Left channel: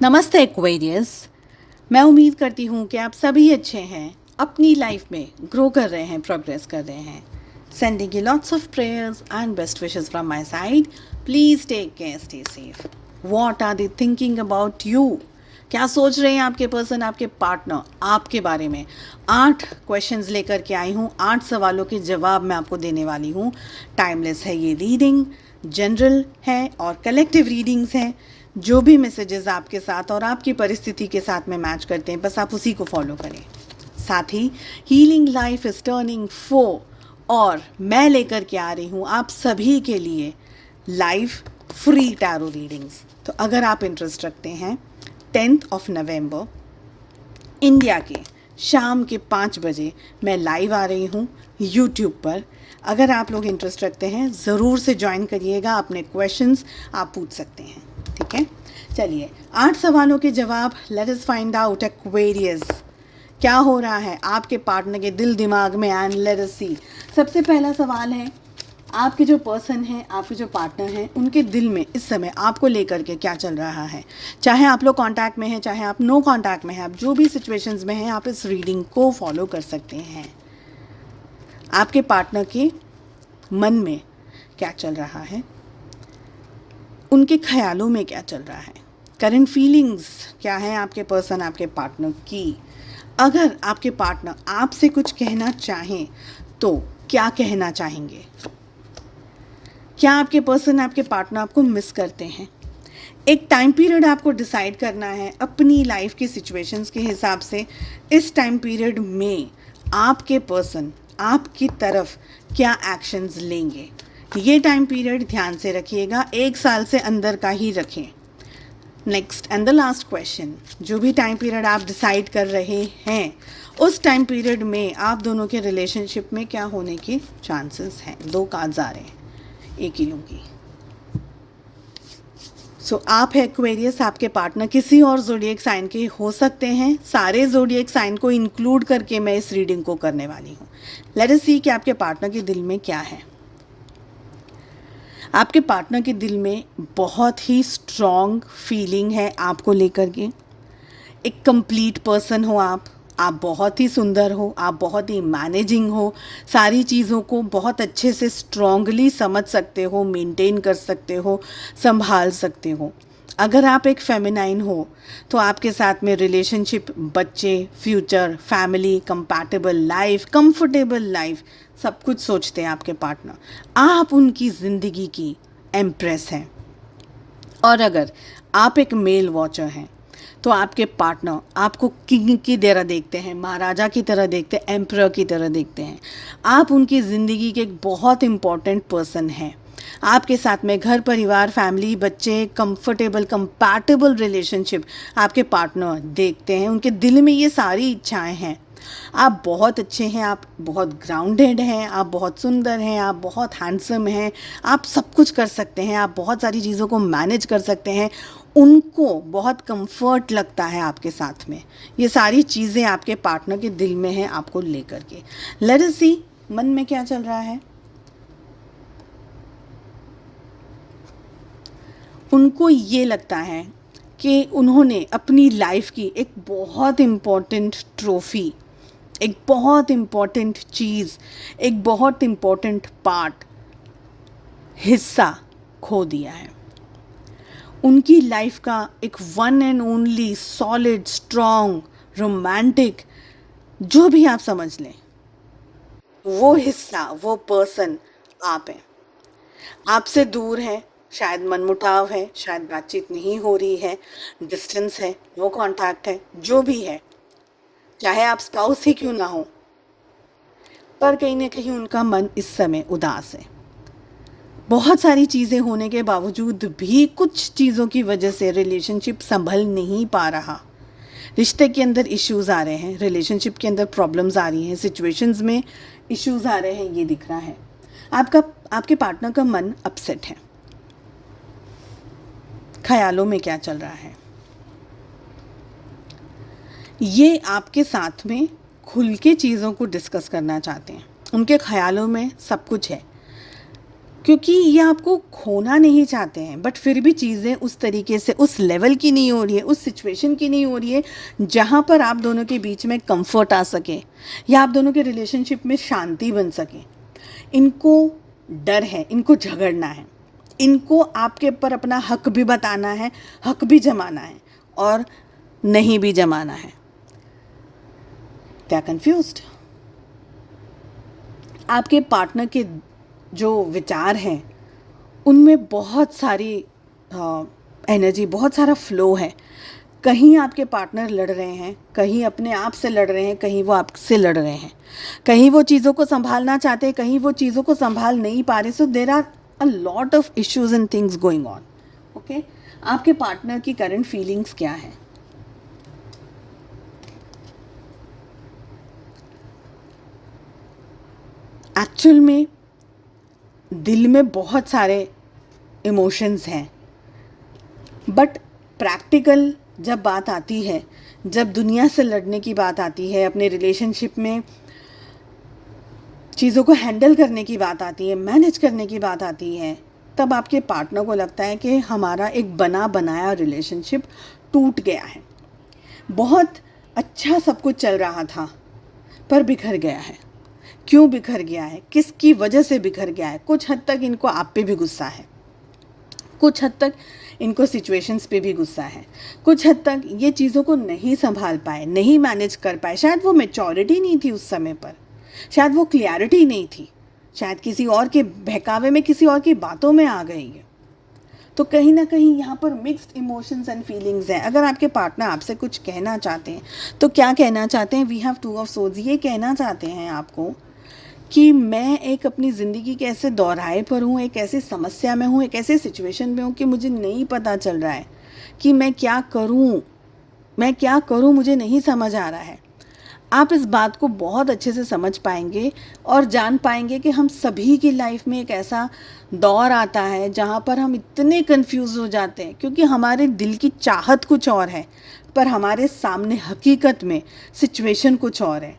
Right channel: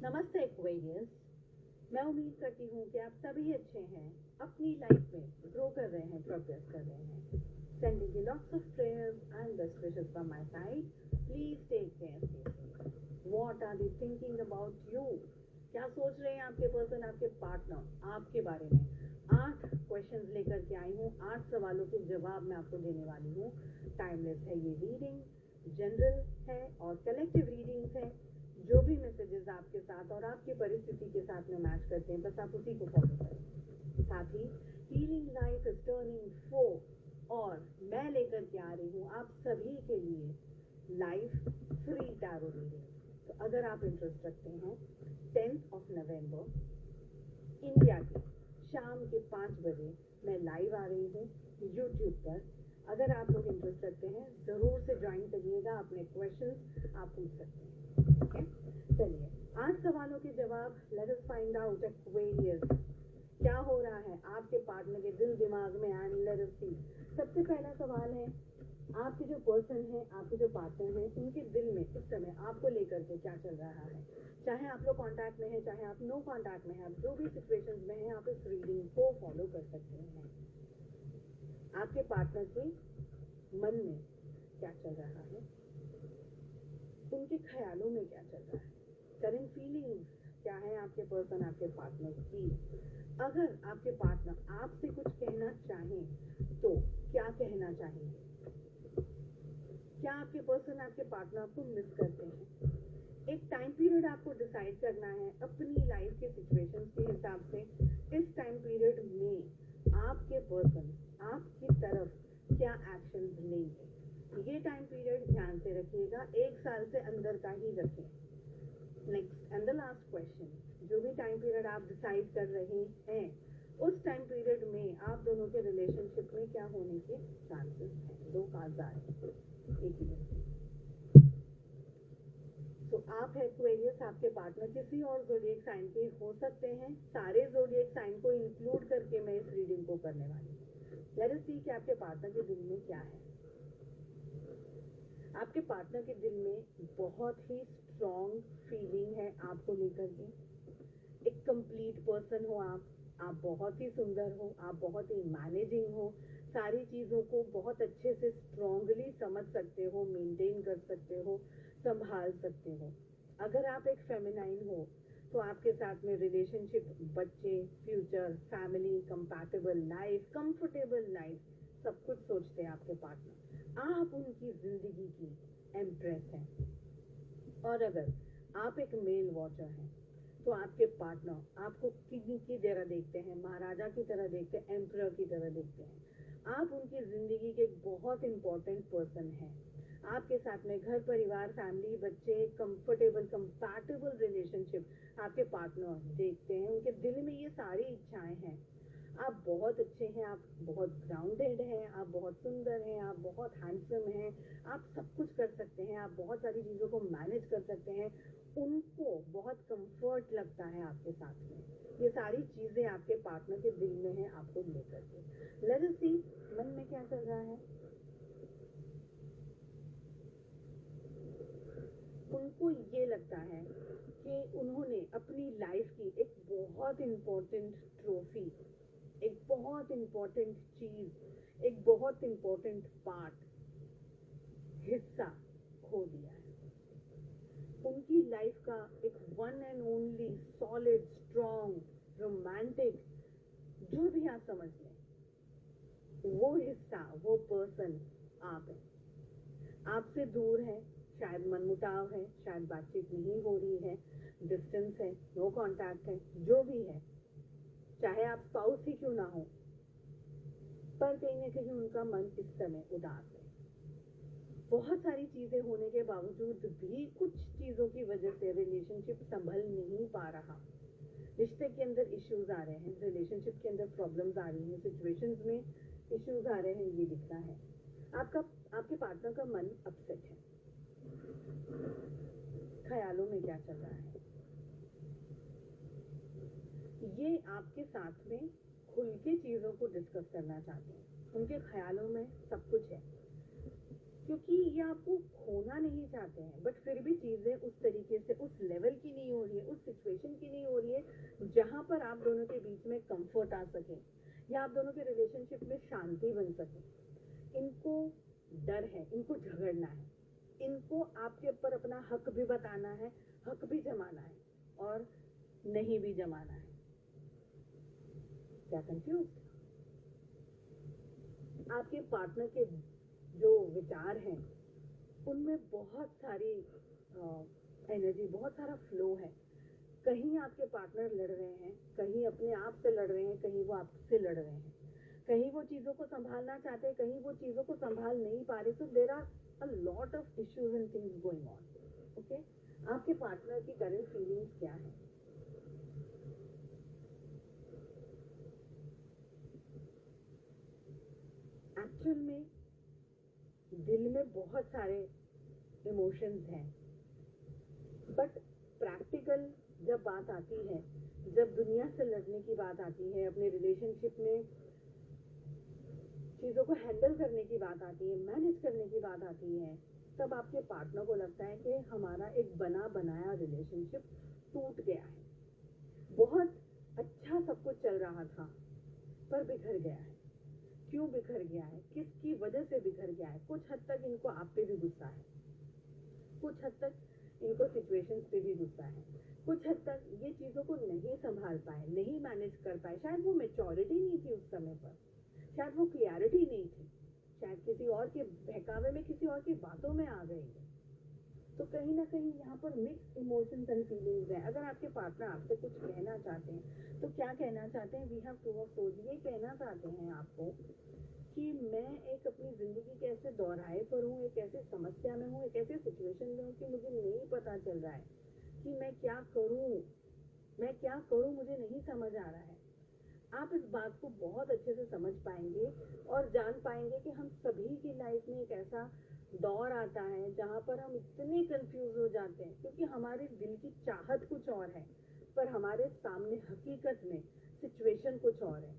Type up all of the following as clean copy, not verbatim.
नमस्ते एक्वेरियस। मैं उम्मीद करती हूँ कि आप सभी अच्छे हैं, अपनी लाइफ में ग्रो कर रहे हैं, प्रोग्रेस कर रहे हैं। Sending you lots of prayers and best wishes from my side. Please take care, stay safe. What are they thinking about you? क्या सोच रहे हैं आपके पर्सन, आपके पार्टनर आपके बारे में? 8 क्वेश्चंस लेकर के आई हूँ, 8 सवालों के जवाब मैं आपको देने वाली हूँ। टाइमलेस है ये रीडिंग, जनरल है और कलेक्टिव रीडिंग्स हैं। जो भी मैसेजेस आपके साथ और आपकी परिस्थिति के साथ में मैच करते हैं, बस आप उसी को फॉलो करें। साथ ही हीलिंग लाइफ इज टर्निंग 4 और मैं लेकर के आ रही हूँ आप सभी के लिए लाइव फ्री टैरो रीडिंग्स। तो अगर आप इंटरेस्ट रखते हैं, 10 नवंबर इंडिया के शाम के 5 बजे मैं लाइव आ रही हूँ यूट्यूब पर। अगर आप लोग इंटरेस्ट रखते हैं, ज़रूर से ज्वाइन करिएगा। अपने क्वेश्चंस आप पूछ सकते हैं, ठीक है? चलिए, 8 सवालों के जवाब। Let us find out Aquarius, क्या हो रहा है आपके पार्टनर के दिल दिमाग में, एंड लेट अस सी। सबसे पहला सवाल है, आपके जो पर्सन हैं, आपके जो पार्टनर हैं, उनके दिल में इस समय आपको लेकर के क्या चल रहा है? चाहे आप लोग कांटेक्ट में हैं, चाहे आप नो कांटेक्ट में हैं, आप जो भी सिचुएशंस में हैं, आप इस रीडिंग को फॉलो कर सकते हैं। आपके पार्टनर के मन में क्या चल रहा है? उनके ख्यालों में क्या चल रहा है? करंट फीलिंग्स क्या है आपके पर्सन, आपके पार्टनर की? अगर आपके पार्टनर आपसे कुछ कहना चाहें तो क्या कहना चाहेंगे? क्या आपके पर्सन, आपके पार्टनर आपको मिस करते हैं? एक टाइम पीरियड आपको डिसाइड करना है अपनी लाइफ की सिचुएशंस के हिसाब से। इस टाइम पीरियड में आपके पर्सन आपकी तरफ क्या एक्शंस लेंगे, ये टाइम पीरियड ध्यान से रखिएगा। 1 साल से अंदर का ही रखें। Next and the last question, जो भी टाइम पीरियड आप डिसाइड कर रहे हैं, उस टाइम पीरियड में आप दोनों के रिलेशनशिप में क्या होने के चांसेस हैं? 2 कार्ड्स आ रहे हैं, एक ही लूँगी। सो आप है एक्वेरियस, आपके पार्टनर किसी और ज़ोडिएक साइन के हो सकते हैं। सारे ज़ोडिएक साइन को इंक्लूड करके मैं इस रीडिंग को करने वाली हूँ। लेट अस सी कि आपके पार्टनर के दिल में क्या है। आपके पार्टनर के दिल में बहुत ही स्ट्रॉन्ग फीलिंग है आपको लेकर के। एक कंप्लीट पर्सन हो आप बहुत ही सुंदर हो, आप बहुत ही मैनेजिंग हो, सारी चीज़ों को बहुत अच्छे से स्ट्रॉन्गली समझ सकते हो, मेंटेन कर सकते हो, संभाल सकते हो। अगर आप एक फेमिनाइन हो तो आपके साथ में रिलेशनशिप, बच्चे, future, family, compatible life, comfortable life, सब कुछ सोचते हैं आपके पार्टनर। आप उनकी ज़िंदगी की एम्प्रेस हैं। और अगर आप एक मेल वॉचर हैं तो आपके पार्टनर आपको किंग की तरह देखते हैं, महाराजा की तरह देखते हैं, एम्परर की तरह देखते हैं। आप उनकी ज़िंदगी के एक बहुत इम्पॉर्टेंट पर्सन हैं। आपके साथ में घर परिवार, फैमिली, बच्चे, कंफर्टेबल कंपैटिबल रिलेशनशिप आपके पार्टनर देखते हैं। उनके दिल में ये सारी इच्छाएं हैं। आप बहुत अच्छे हैं, आप बहुत ग्राउंडेड हैं, आप बहुत सुंदर हैं, आप बहुत हैंडसम हैं, आप सब कुछ कर सकते हैं, आप बहुत सारी चीज़ों को मैनेज कर सकते हैं। उनको बहुत कंफर्ट लगता है आपके साथ में। ये सारी चीज़ें आपके पार्टनर के दिल में हैं आपको लेकर के। लेट अस सी मन में क्या चल रहा है। उनको ये लगता है कि उन्होंने अपनी लाइफ की एक बहुत इम्पॉर्टेंट ट्रॉफी, एक बहुत इम्पॉर्टेंट चीज़, एक बहुत इम्पॉर्टेंट पार्ट, हिस्सा खो दिया है। उनकी लाइफ का एक one and only solid, strong, romantic, जो भी आप समझ लें, वो हिस्सा, वो पर्सन आप हैं। आपसे दूर है, शायद मनमुटाव है, शायद बातचीत नहीं हो रही है, डिस्टेंस है, नो कांटेक्ट है, जो भी है, चाहे आप स्पाउस ही क्यों ना हो, पर कहीं ना कहीं उनका मन इस समय उदास है। बहुत सारी चीज़ें होने के बावजूद भी कुछ चीज़ों की वजह से रिलेशनशिप संभल नहीं पा रहा। रिश्ते के अंदर इश्यूज़ आ रहे हैं, रिलेशनशिप के अंदर प्रॉब्लम्स आ रही हैं, सिचुएशंस में इश्यूज़ आ रहे हैं, ये दिख रहा है। आपके पार्टनर का मन अपसेट है। ख्यालों में क्या चल रहा है, ये आपके साथ में खुल के चीज़ों को डिस्कस करना चाहते हैं। उनके ख्यालों में सब कुछ है, क्योंकि ये आपको खोना नहीं चाहते हैं, बट फिर भी चीज़ें उस तरीके से उस लेवल की नहीं हो रही है, उस सिचुएशन की नहीं हो रही है जहाँ पर आप दोनों के बीच में कंफर्ट आ सके या आप दोनों के रिलेशनशिप में शांति बन सके। इनको डर है, इनको झगड़ना है, इनको आपके ऊपर अपना हक भी बताना है, हक भी जमाना है और नहीं भी जमाना है। क्या कंफ्यूज्ड? आपके पार्टनर के जो विचार हैं उनमें बहुत सारी एनर्जी, बहुत सारा फ्लो है। कहीं आपके पार्टनर लड़ रहे हैं, कहीं अपने आप से लड़ रहे हैं, कहीं वो आपसे लड़ रहे हैं, कहीं वो चीज़ों को संभालना चाहते हैं, कहीं वो चीज़ों को संभाल नहीं पा रहे। So there are a lot of issues and things going on. Okay, आपके पार्टनर की करंट फीलिंग्स क्या है? एक्चुअल में दिल में बहुत सारे इमोशंस हैं, बट प्रैक्टिकल जब बात आती है, जब दुनिया से लड़ने की बात आती है, अपने रिलेशनशिप में चीज़ों को हैंडल करने की बात आती है, मैनेज करने की बात आती है, तब आपके पार्टनर को लगता है कि हमारा एक बना बनाया रिलेशनशिप टूट गया है। बहुत अच्छा सब कुछ चल रहा था पर बिखर गया है। क्यों बिखर गया है? किसकी वजह से बिखर गया है? कुछ हद तक इनको आप पे भी गुस्सा है, कुछ हद तक इनको सिचुएशंस पे भी गुस्सा है, कुछ हद तक ये चीज़ों को नहीं संभाल पाए, नहीं मैनेज कर पाए। शायद वो मैच्योरिटी नहीं थी उस समय पर, शायद वो क्लियरिटी नहीं थी, शायद किसी और के बहकावे में, किसी और की बातों में आ गई है। तो कहीं ना कहीं यहाँ पर मिक्स्ड इमोशंस एंड फीलिंग्स हैं। अगर आपके पार्टनर आपसे कुछ कहना चाहते हैं तो क्या कहना चाहते हैं? We have two of swords. ये कहना चाहते हैं आपको कि मैं एक अपनी ज़िंदगी के ऐसे दौराहे पर हूँ, एक ऐसी समस्या में हूँ, एक ऐसे सिचुएशन में हूँ कि मुझे नहीं पता चल रहा है कि मैं क्या करूँ, मैं क्या करूँ, मुझे नहीं समझ आ रहा है। आप इस बात को बहुत अच्छे से समझ पाएंगे और जान पाएंगे कि हम सभी की लाइफ में एक ऐसा दौर आता है जहाँ पर हम इतने कंफ्यूज हो जाते हैं, क्योंकि हमारे दिल की चाहत कुछ और है पर हमारे सामने हकीकत में सिचुएशन कुछ और है।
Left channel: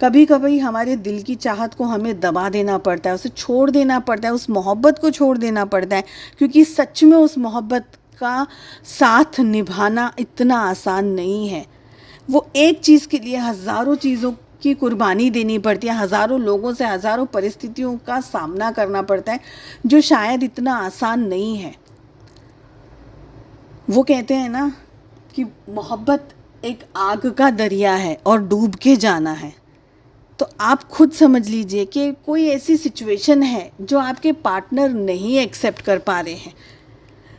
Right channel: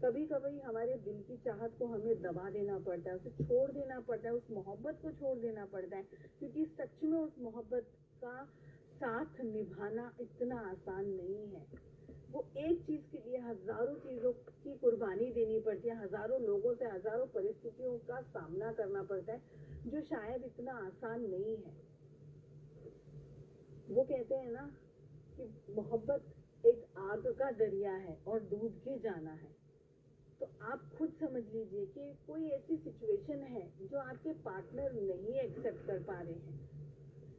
कभी कभी हमारे दिल की चाहत को हमें दबा देना पड़ता है, उसे छोड़ देना पड़ता है, उस मोहब्बत को छोड़ देना पड़ता है, क्योंकि सच में उस मोहब्बत का साथ निभाना इतना आसान नहीं है। वो एक चीज़ के लिए हज़ारों चीज़ों की कुर्बानी देनी पड़ती है, हज़ारों लोगों से हज़ारों परिस्थितियों का सामना करना पड़ता है, जो शायद इतना आसान नहीं है। वो कहते हैं ना कि मोहब्बत एक आग का दरिया है और डूब के जाना है। तो आप खुद समझ लीजिए कि कोई ऐसी सिचुएशन है जो आपके पार्टनर नहीं एक्सेप्ट कर पा रहे हैं,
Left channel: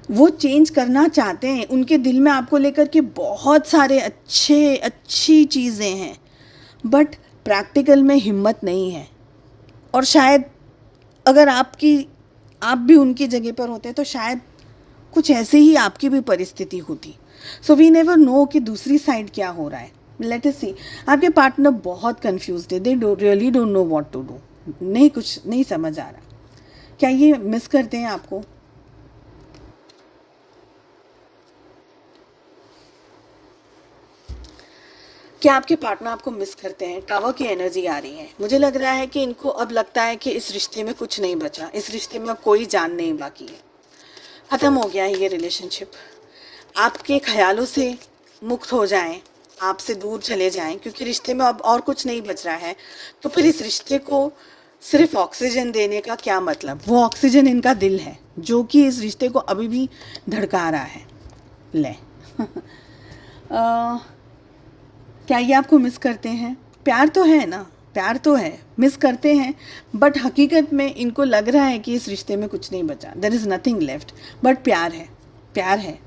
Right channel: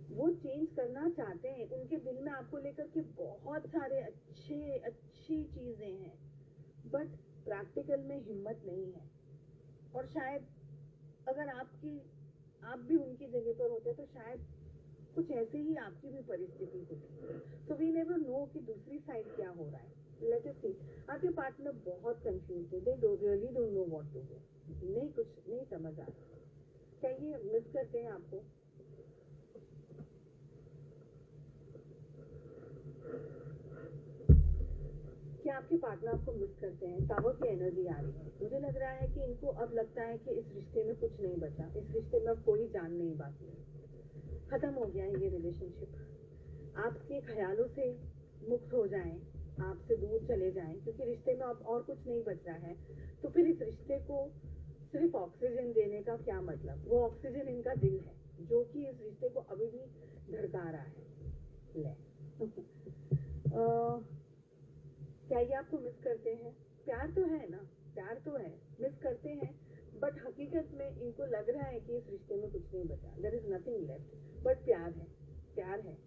वो चेंज करना चाहते हैं, उनके दिल में आपको लेकर के बहुत सारे अच्छी चीज़ें हैं, बट प्रैक्टिकल में हिम्मत नहीं है। और शायद अगर आप भी उनकी जगह पर होते तो शायद कुछ ऐसे ही आपकी भी परिस्थिति होती। सो वी नेवर नो कि दूसरी साइड क्या हो रहा है। Let us see. आपके पार्टनर बहुत कंफ्यूज्ड है, they really don't know what to do. नहीं, कुछ नहीं समझ आ रहा। क्या ये मिस करते हैं आपको? क्या आपके पार्टनर आपको मिस करते हैं? टावर की एनर्जी आ रही है। मुझे लग रहा है कि इनको अब लगता है कि इस रिश्ते में कुछ नहीं बचा, इस रिश्ते में अब कोई जान नहीं बाकी है, ख़त्म हो गया है ये रिलेशनशिप। आपके ख्यालों से मुक्त हो जाएं, आपसे दूर चले जाएं, क्योंकि रिश्ते में अब और कुछ नहीं बच रहा है। तो फिर इस रिश्ते को सिर्फ ऑक्सीजन देने का क्या मतलब? वो ऑक्सीजन इनका दिल है जो कि इस रिश्ते को अभी भी धड़का रहा है। ले क्या ये आपको मिस करते हैं? प्यार तो है ना, प्यार तो है, मिस करते हैं, बट हकीकत में इनको लग रहा है कि इस रिश्ते में कुछ नहीं बचा, there is nothing left, but प्यार है, प्यार है।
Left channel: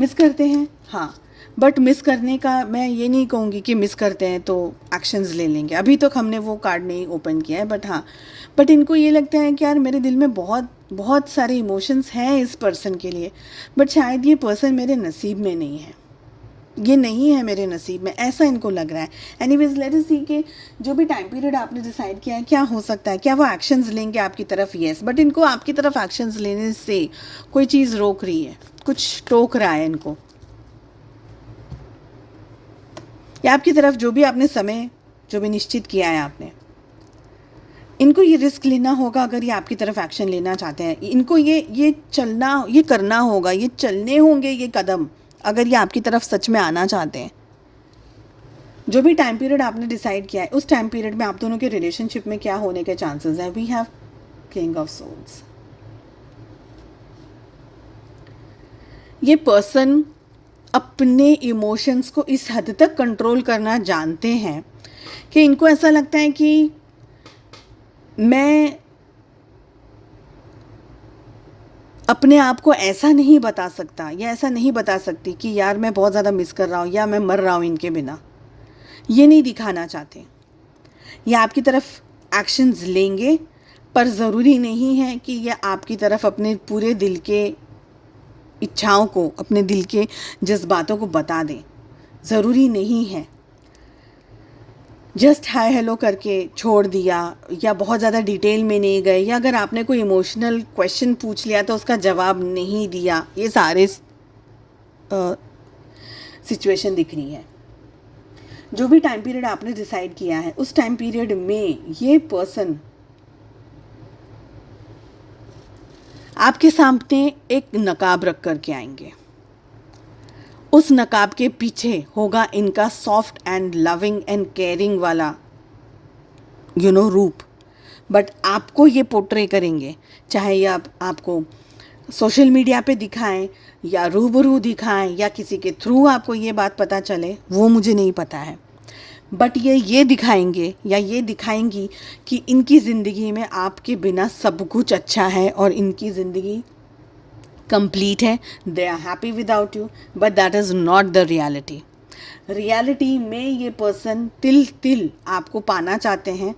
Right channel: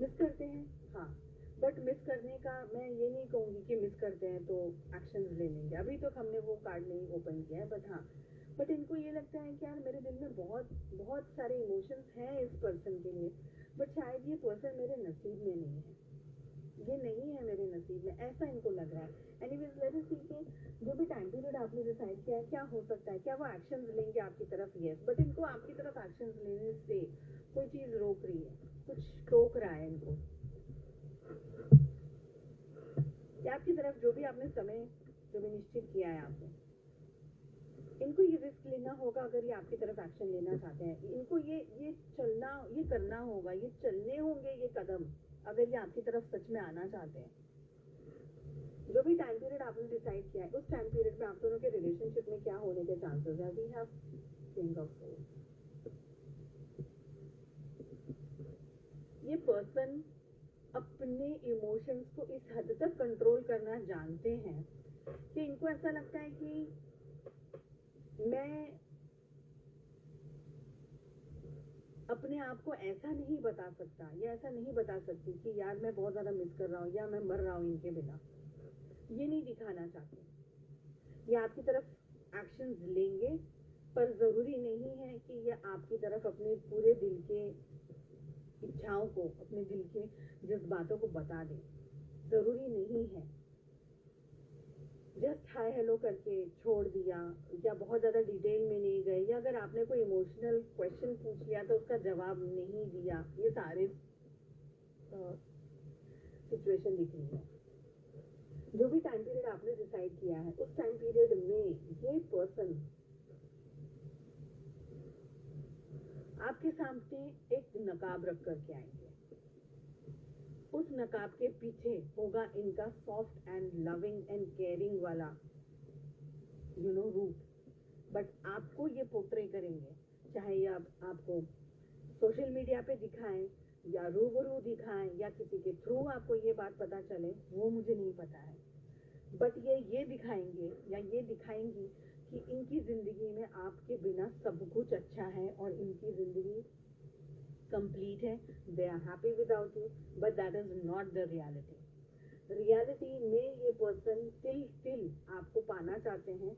मिस करते हैं, हाँ, बट मिस करने का मैं ये नहीं कहूँगी कि मिस करते हैं तो एक्शंस ले लेंगे। अभी तक हमने वो कार्ड नहीं ओपन किया है, बट हाँ, बट इनको ये लगता है कि यार मेरे दिल में बहुत बहुत सारे इमोशंस हैं इस पर्सन के लिए, बट शायद ये पर्सन मेरे नसीब में नहीं है, ये नहीं है मेरे नसीब में, ऐसा इनको लग रहा है। एनीवेज लेट अस सी कि जो भी टाइम पीरियड आपने डिसाइड किया है क्या हो सकता है, क्या वो एक्शंस लेंगे आपकी तरफ? येस, बट इनको आपकी तरफ एक्शंस लेने से कोई चीज़ रोक रही है, कुछ टोक रहा है इनको, या आपकी तरफ जो भी आपने समय जो भी निश्चित किया है आपने, इनको ये रिस्क लेना होगा अगर ये आपकी तरफ एक्शन लेना चाहते हैं। इनको ये करना होगा, ये चलने होंगे ये कदम, अगर ये आपकी तरफ सच में आना चाहते हैं। जो भी टाइम पीरियड आपने डिसाइड किया है, उस टाइम पीरियड में आप दोनों के रिलेशनशिप में क्या होने के चांसेस हैं? We have king of souls. ये पर्सन अपने इमोशंस को इस हद तक कंट्रोल करना जानते हैं कि इनको ऐसा लगता है कि मैं अपने आप को ऐसा नहीं बता सकता या ऐसा नहीं बता सकती कि यार मैं बहुत ज़्यादा मिस कर रहा हूँ या मैं मर रहा हूँ इनके बिना। ये नहीं दिखाना चाहते। ये आपकी तरफ एक्शंस लेंगे, पर ज़रूरी नहीं है कि ये आपकी तरफ अपने पूरे दिल के इच्छाओं को, अपने दिल के जज्बातों को बता दें। ज़रूरी नहीं है। जस्ट हाय हेलो करके छोड़ दिया, या बहुत ज़्यादा डिटेल में नहीं गए, या अगर आपने कोई इमोशनल क्वेश्चन पूछ लिया तो उसका जवाब नहीं दिया, ये सारे सिचुएशन दिख रही है। जो भी टाइम पीरियड आपने डिसाइड किया है, उस टाइम पीरियड में ये पर्सन आपके सामने एक नकाब रख करके आएंगे। उस नकाब के पीछे होगा इनका soft and loving and caring वाला रूप, बट आपको ये पोर्ट्रे करेंगे, चाहे ये आपको सोशल मीडिया पे दिखाएं या रूबरू दिखाएं या किसी के थ्रू आपको ये बात पता चले, वो मुझे नहीं पता है, बट ये दिखाएंगे या ये दिखाएंगी कि इनकी ज़िंदगी में आपके बिना सब कुछ अच्छा है और इनकी ज़िंदगी कंप्लीट है। They are happy without you, but that is not the reality. Reality में ये पर्सन तिल आपको पाना चाहते हैं,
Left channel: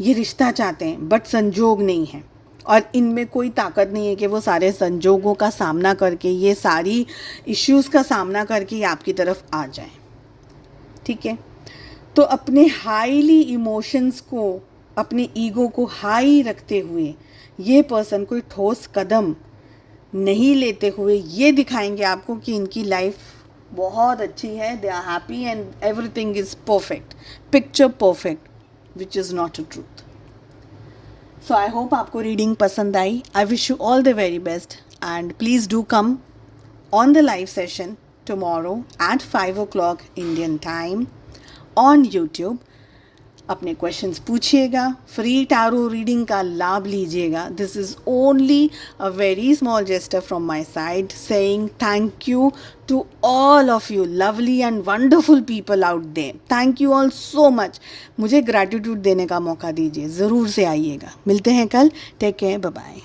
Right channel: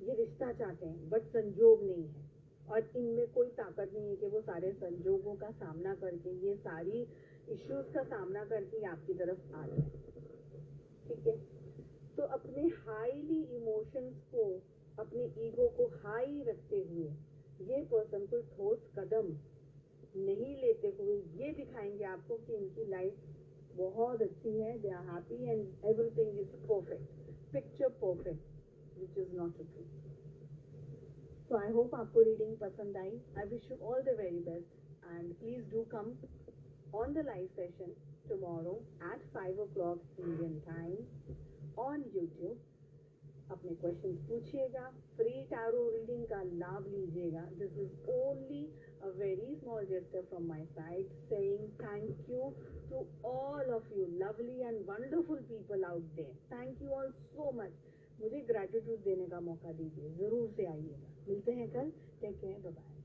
ये रिश्ता चाहते हैं, बट संजोग नहीं है, और इनमें कोई ताकत नहीं है कि वो सारे संजोगों का सामना करके, ये सारी इश्यूज़ का सामना करके ये आपकी तरफ आ जाए। ठीक है, तो अपने हाईली इमोशंस को, अपने ईगो को हाई रखते हुए ये पर्सन कोई ठोस कदम नहीं लेते हुए ये दिखाएंगे आपको कि इनकी लाइफ बहुत अच्छी है, they are happy and everything is perfect, picture perfect, which is not a truth. So I hope आपको रीडिंग पसंद आई। I wish you all the very best, and please do come on the live session tomorrow at 5 o'clock Indian time on YouTube. अपने questions पूछिएगा, free tarot reading का लाभ लीजिएगा। This is only a very small gesture from my side saying thank you to all of you lovely and wonderful people out there. Thank you all so much. मुझे gratitude देने का मौका दीजिए, ज़रूर से आइएगा। मिलते हैं कल। Take care, bye bye.